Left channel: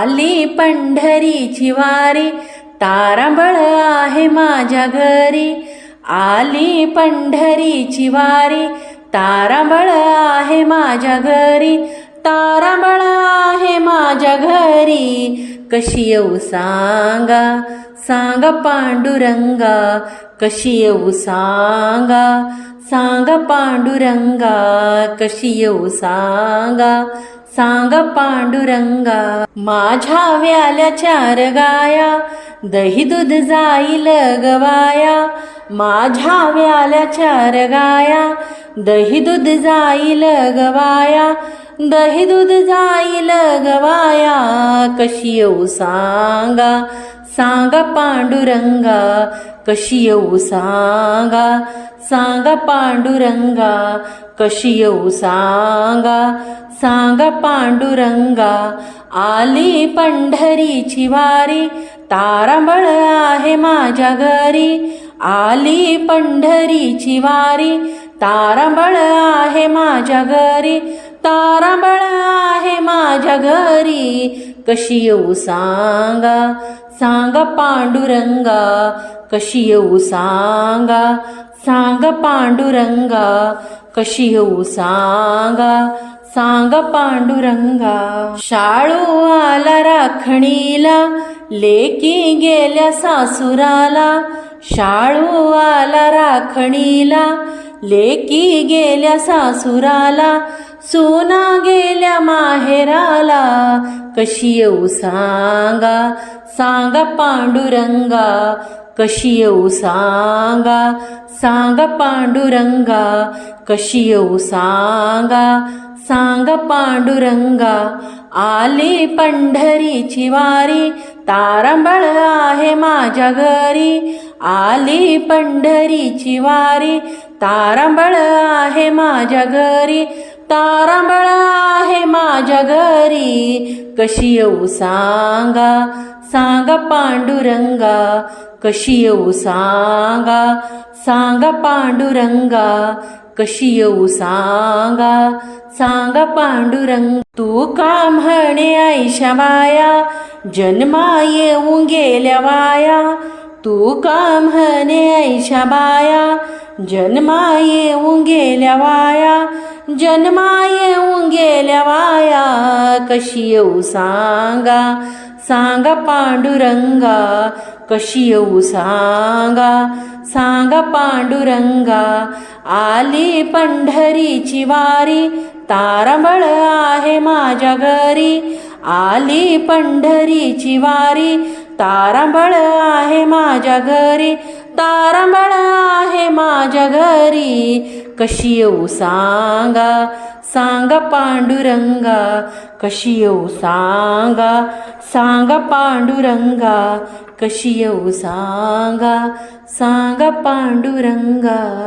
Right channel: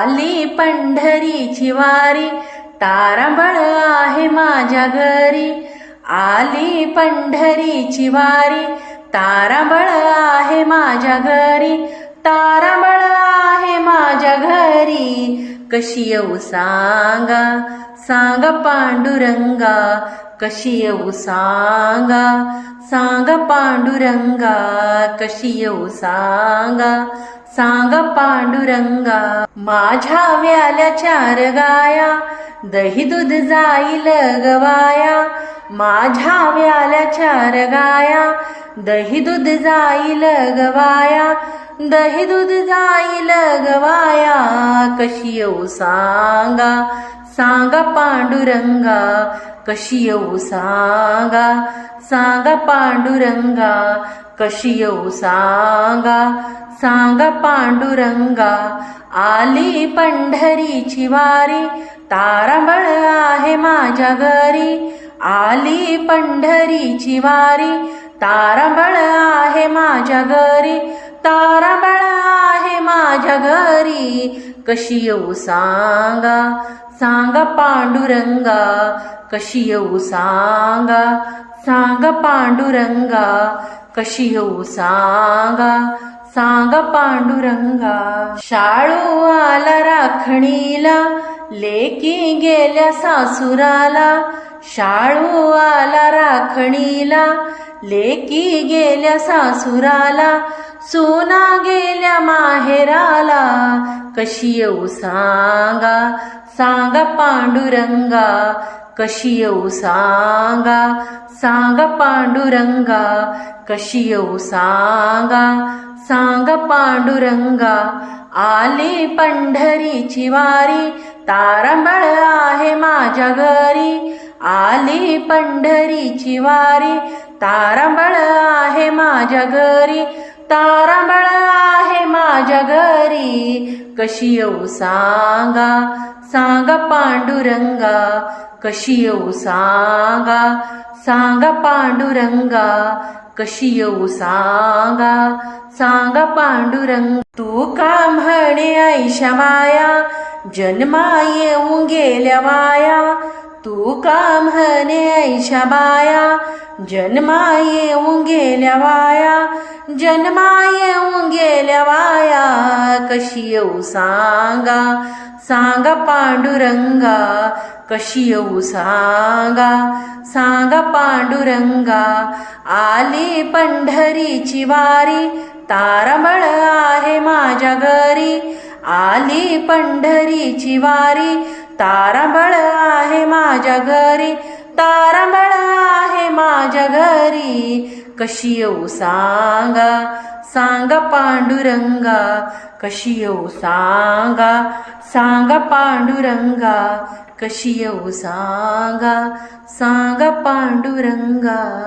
आली पंढरीची वारी तारांबळ आहे माझ्या घरी. आली पंढरीची वारी तारांबळ आहे माझ्या घरी. तारांबळ आहे माझ्या घरी कशी येऊ सांगा? सांगा पांडुरंगा कशी येऊ सांगा? सांगा पांडुरंगा कशी येऊ सांगा? सांगा पांडुरंगा माझ्या व्याल्या चार गाया दही दूध जाईल गवाया. माझ्या व्याल्या चार गाया दही दूध जाईल गवाया. दही दूध जाईल गवाया कशी येऊ सांगा? सांगा पांडुरंगा कशी येऊ सांगा? सांगा पांडुरंगा कशी येऊ सांगा? सांगा पांडुरंगा आली पंढरीची वारी तारांबळ आहे माझ्या घरी. आली पंढरीची वारी तारांबळ आहे माझ्या घरी. तारांबळ माझ्या घरी? कशी येऊ सांगा? सांगा पांडुरंगा कशी येऊ सांगा? सांगा पांडुरंगा कशी येऊ सांगा? सांगा पांडुरंगा. शाळू आला राखणीला लेकी गेल्या सासुराला. शाळू आला राखणीला लेकी गेल्या सासुराला सोना गेल्या माहेराला. कशी येऊ सांगा सांगा पांडुरंगा. कशी येऊ सांगा सांगा पांडुरंगा. कशी येऊ सांगा सांगा पांडुरंगा. आली पंढरीची वारी तारांबळ आहे माझ्या घरी. आली पंढरीची वारी तारांबळ आहे माझ्या घरी तारांबळ आहे माझ्या घरी. कशी येऊ सांगा सांगा पांडुरंगा. कशी येऊ सांगा सांगा पांडुरंगा. कशी येऊ सांगा सांगा पांडुरंग. तू का म्हणे ऐशा माया जन्मा येऊन गेल्या वाया. तू का म्हणे ऐशा बाया जन्मा येऊन गेल्या वाया जन्मा येऊन गेल्या वाया कशी येऊ सांगा सांगा पांडुरंगा कशी येऊ सांगा सांगा पांडुरंगा आली पंढरीची वारी तारांबळ आहे माझ्या घरी आली पंढरीची वारी तारांबळ आहे माझ्या घरी तारांबळ आहे माझ्या घरी. कशी येऊ सांगा? सांगा पांडुरंगा. कशी येऊ सांगा? सांगा पांडुरंगा. कशी येऊ सांगा? सांगा पांडुरंगा.